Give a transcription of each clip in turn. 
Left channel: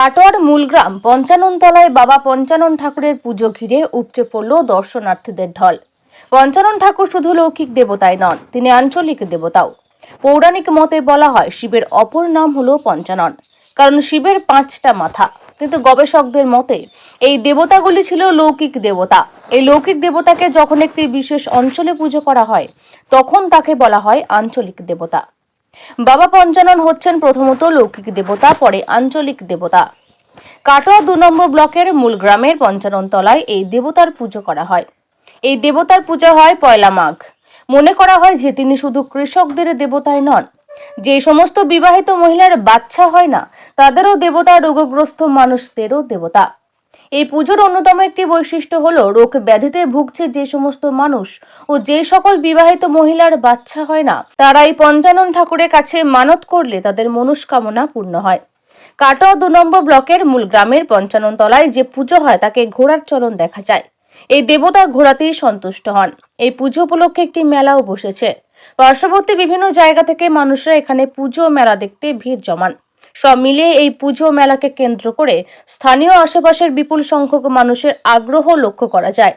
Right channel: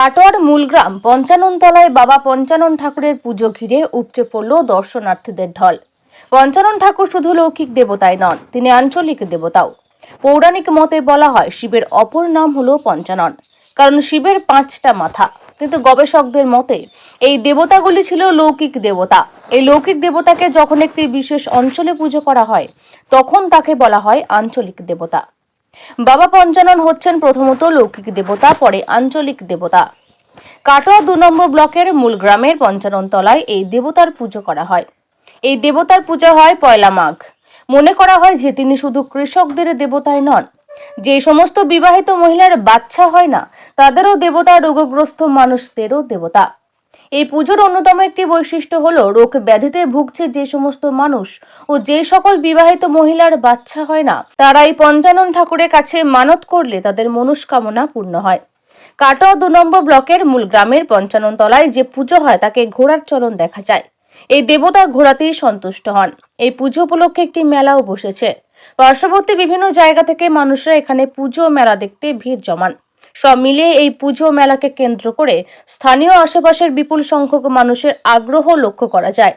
কাটোয়ার মূলগ্রাম পঞ্চাননতলায় বাবা পঞ্চানন ঠাকুরের পুজো ঘিরে উপচে পড়ল দর্শনার্থীদের ঢল। পঞ্চানন ঠাকুর শুধু লৌকিক দেবতাই নন, তিনি আঞ্চলিক দেবতাও। পৌরাণিক মতে বলা হয় শিবের অপর নাম হলো পঞ্চানন, কারণ শিবের 5টা মাথা। কিন্তু গবেষকদের মতে এই দেবতাগুলি ছিল লৌকিক দেবতা। এই লৌকিক দেবতাকে যখন একটি বিশেষ অঞ্চলে পুজো করা হয় তখন তাকে বলা হয় আঞ্চলিক দেবতা। বাবা পঞ্চানন হচ্ছেন প্রথমত লৌকিক দেবতা, পরে আঞ্চলিক দেবতা। কাটোয়া 2 নম্বর ব্লকের মূলগ্রামের পঞ্চাননতলায় এই দেবতার পুজো করা হয়। এই দেবতার পূজা হয় পয়লা মাঘ। মনে করা হয় যে তিনি শুধু কৃষকদের দেবতাই নন, যে সমস্ত বিবাহিত মহিলার বাচ্চা হয় না তাদেরও দেবতা, রোগগ্রস্ত মানুষদেরও দেবতা। এই পুজোর অন্যতম একটি বৈশিষ্ট্য হলো রোগ ব্যাধিতে ভুগছে যে সমস্ত মানুষ ও যে সকল বিবাহিত মহিলার বাচ্চা হয় না তারা এই পঞ্চানন ঠাকুরের কাছে মানত করলে তাদের মনস্কামনা পূর্ণ হয়। কাটোয়া 2 নম্বর ব্লকের মূল গ্রামের পঞ্চাননতলায় যে পুজো হয় তাকে ঘোড়ার চলন দেখা যায়। এই দেবতা ঘোড়াতেই সন্তুষ্ট হন। এই পুজো উপলক্ষে একটি মেলাও বসেছে। পার্শ্ববর্তী বিভিন্ন জায়গা থেকে মানুষরা এখানে পুজো মেলা দেখতে ভিড় জমান। সব মিলিয়ে এই পুজো মেলাকে কেন্দ্র করে স্থানীয় আশেপাশের বিপুল সংখ্যক মানুষের আগ্রহ লক্ষ্য করা যায়।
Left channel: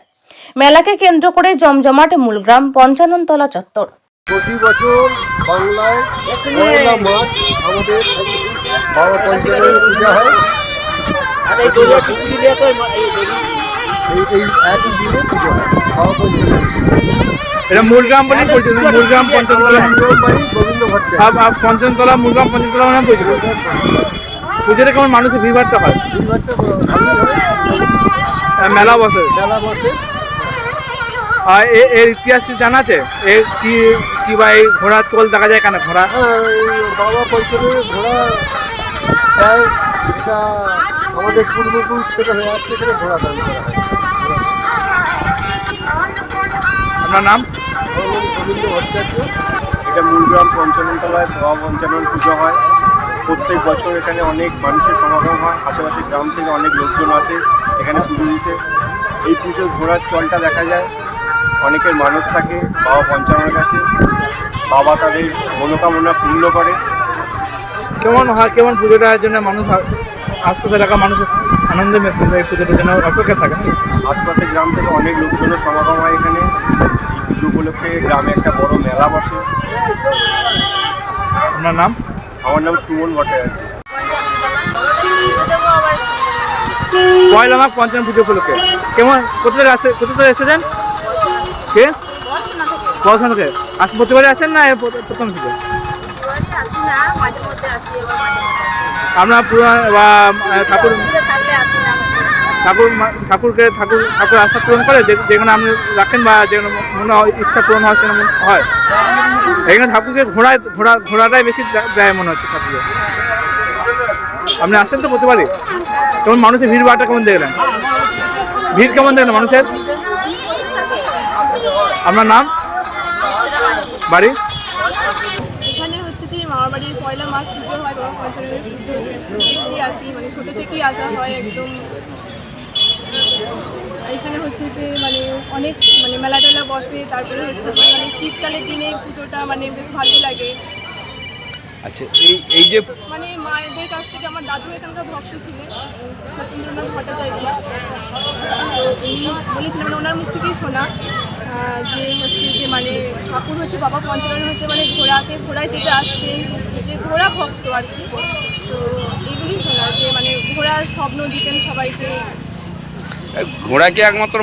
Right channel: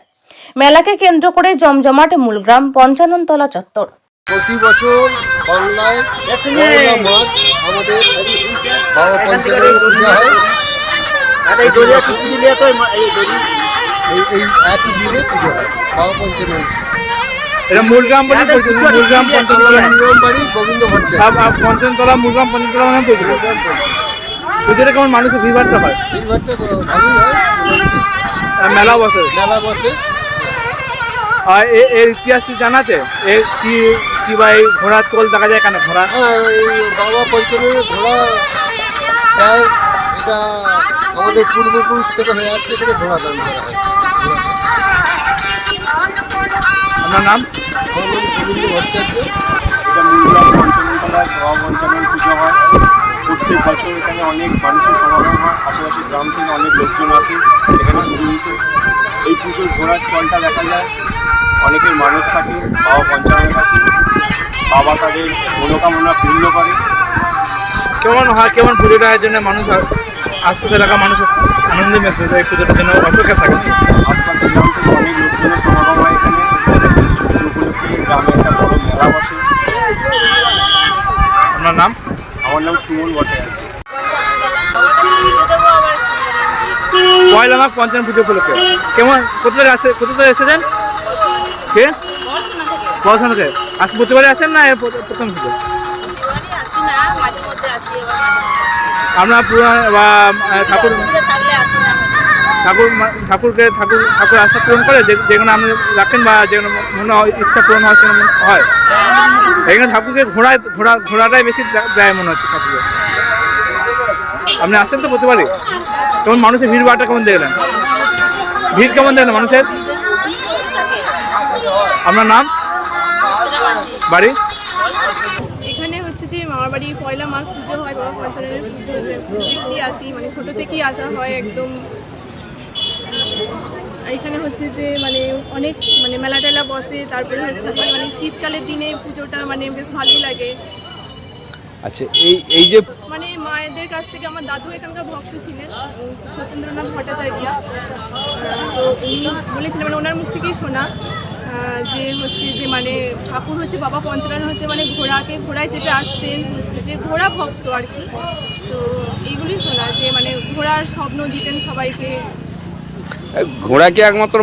মেলাকে কেন্দ্র করে জমজমাট মূলগ্রাম পঞ্চাননতলা চত্বর। প্রতি বছর বাংলায় পয়লা মাঘ আমাদের বাবা পঞ্চাননের পূজা হয়। এই একই দিনে পুজো হয় বাবা পঞ্চাননের। এটা মূলগ্রাম বলেই পরিচিত। মূলগ্রাম পঞ্চাননতলা, মূলগ্রাম বাড়ি গোবিন্দ ভট্টাচার্য। পঞ্চাননতলা, মূলগ্রাম পঞ্চাননতলা নামে পরিচিত। পুজোটা কেমন মানুষের ভিড়ভাড়টা হয়? ভিড়ভাড়টা ভালোই হয়। মেলা বসে, মেলা বসে। আর এর ইতিহাস কি জানা আছে? এর কি বা এই ঘোড়ার চোল দেখা যায় কেন? ঘোড়া, হ্যাঁ, এই বাবা পঞ্চাননের ঘোড়া দেয়। এটা আমাদের পূর্বপুরুষ থেকে হয়ে আসছে, এখানে ঘোড়া দান করা হয়। আপনার নাম? আমার নাম গোবিন্দ ভট্টাচার্য। এটা মূলগ্রাম পঞ্চাননতলায় বাবা পঞ্চানন পুজো হয়। প্রত্যেক বছর এখানে অনেক মানুষের সমাগম হয়। আশেপাশের গ্রাম থেকে অনেক লোকজন আসে এখানে পুজো দিতে। এই পুজোর ঘোড়ার চলটা দেখা যায়। অনেকের মানত থাকে বাবা পঞ্চাননের কাছে, বাবা তাদের মনোকামনা পূর্ণ করে। কেমন হয়, কেমন পুজোটা জন্য মানুষ, আশপাশের এলাকার মানুষ আনন্দে মেতে যায়? এই পুজোটার জন্য অপেক্ষা থাকে। আশপাশের গ্রাম থেকে অনেক লোকজনের সমাগম হয় এখানে। এই পুজো উপলক্ষে গ্রামে একটা বড় মেলা বসে। আপনার নাম? আমার নাম সুমন ভট্টাচার্য। পয়লা মাঘ পঞ্চানন পুজো উপলক্ষে কেমন, কোথা থেকে এসেছেন? কে? পড়াশোনা থেকে প্রতিবারে আসেন না প্রথম থেকে? আপনার ঠাকুর আশা পূরণ করে যেখানে আপনি রাখেন বা যেখানে মনে হয় ইচ্ছা পূরণ হয় সেখানে মনে হয়। এখানে ঠাকুরকে ঘোড়াটাই বেশি দেয় মনে হচ্ছে ঠাকুরকে। আপনি আসেন তো প্রতিবারই? কেমন মানুষের ভিড় ভাড়টা কেমন দেখলেন? ভিড় কেমন দেখলেন মানুষের? আপনার নাম, বাড়ি? এখানে হচ্ছে যে মামার বাড়ির পয়লা মাঘ পুজো হয়, বাবা পঞ্চাননের পুজো দেখতেই আসি, মানে ছোটো থেকেই আসা হয় একদম। এখানে হচ্ছে যে মানে অনেক মানে মেলা টেলা বসে। তারপরে হচ্ছে যে মানে শীতকালের দিনে পুজোটা মানে বেশ ভালোই লাগে। আচ্ছা, এই যে মানে মায়েদের কাছ থেকে আমার দাদু এখানকার ভক্ত ছিলেন, সত্যেন্দ্রনাথ ভট্টাচার্য। তো উনি বলেছিলেন, মানে ওনার মুখ থেকেই শোনা যে হচ্ছে যে মানে ঠাকুর হচ্ছে বাবা পঞ্চানন হচ্ছে মানে ঘোড়ায় চেপে আসতেন, হচ্ছে যে ঘোড়া ভক্ত আর কি। তো এইগুলি শোনা যে মানে ঘোড়ার স্বপ্ন দিতেন সবাইকে। ঘোড়া কি একমাত্র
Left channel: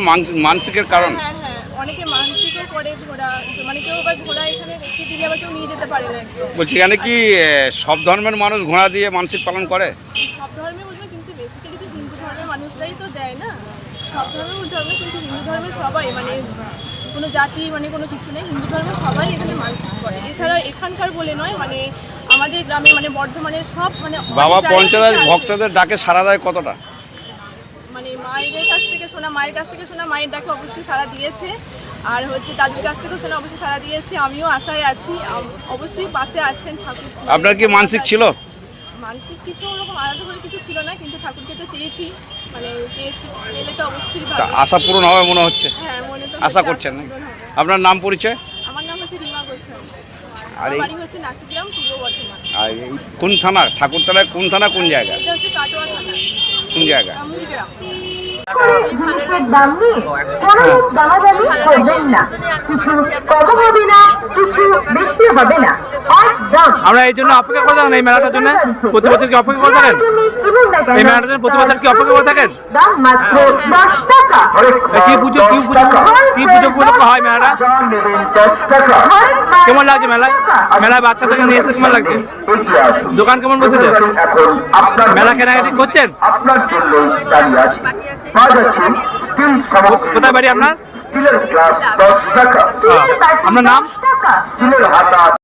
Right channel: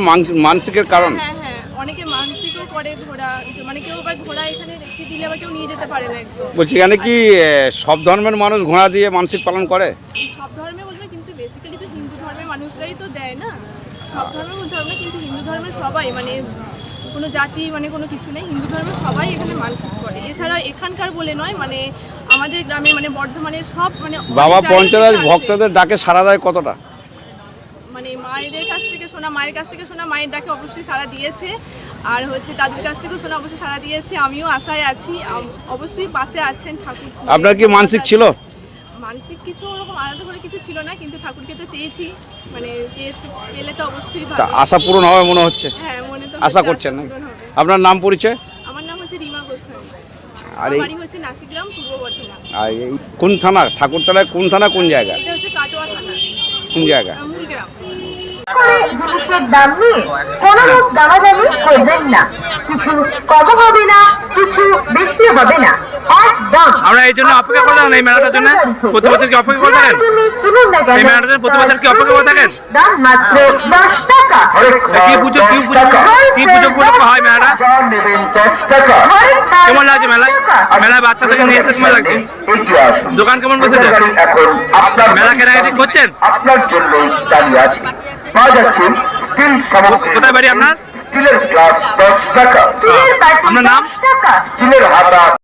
মানসিকের কারণ? হ্যাঁ হ্যাঁ, অনেকে মানসিকও করে ঘোড়া, মানে কেউ আবার ঘোড়া এখানে রেখে দিলে আবার কেউ নিয়ে যেতে পারে না একদম। বলছি এখানে কি সব ধর্মের মানুষ ঘোড়া দিয়ে মানসিক পালন করে? সব ধর্মে বলবে, কিন্তু বেসিক্যালি তো হিন্দু ধর্মের মানুষরাই তো দেয় না। সব ধর্মের বলতে হবে না, কিন্তু হিন্দু ধর্মের সবাই, মানে কোনো জাতি মানে কোনো কিছু নেই, হিন্দু ধর্মের সবাই এখানে মানসিক করে। এছাড়া এখানকার বলে নয়, মানে আমাদের গ্রামে মানে বর্ধমানের সব মানে বাবা পঞ্চানন ভক্তদের ডাকে সাড়া দেয় কতটা? মানে মায়ের কাছ থেকে শোনা মায়ের ডাকে অবশ্যই সাড়া দিয়েছে। আর হচ্ছে দাদুর কাছ থেকেও শোনা অবশ্যই সাড়া দিয়েছে। আমিও আশায় আছি, অবশ্যই পাশে আছেন ঠাকুর। আপনার কি মানসিক ছিল? মানসিক কিছু ওরকম আলাদা করে কিছু ছিল না, কিন্তু ঠাকুরকে তো চেয়েছি, মানে পেলে তো অবশ্যই ভালো। আশা পূরণ হবে মনে হচ্ছে? হ্যাঁ, মনে তো আশা করছেন। আপনার নাম, পরিচয়? আমার নাম হচ্ছে রিমা গোস্বামী। আমার এই- বাড়ি হচ্ছে নাসিগ্রাম, পূর্ব বর্ধমান। আর এই কোন থানা, ঠাকুরতলায় কোন থানা, কোন জায়গা, এটা হচ্ছে কাটোয়া থানা, কোন জায়গা? মূলগ্রাম। জিনিসের দাম নিয়ে কোনো রকম দামাদামি করবেন না। কিছু কম হবে না, কিছু বেশি হবে না, একদম। আমরা এই জন্য অপেক্ষা করে থাকেন এই মেলাটার জন্য, প্রতি বছর কি অপেক্ষা করে থাকেন এই মেলাটার জন্য? প্রতি বছর কি অপেক্ষা করে থাকেন? দাম মাত্র 10 টাকা। কি পুজো উপলক্ষে হয় মেলাটা? কেমন লাগছে মেলায়? মেলায় বাচ্চাদেরকে নিয়ে এসে কেমন লাগছে? দোকান কেমন বসেছে? মেলা কেনাকাটি করছেন? আপনার জন্য দাঁড়িয়ে আছে পাওয়া যাচ্ছে স্টিল সামগ্রী কোথায় বাড়ি আপনার? স্টিলের গ্লাস 10 টাকা আপনার নাম? স্টিলের হাতা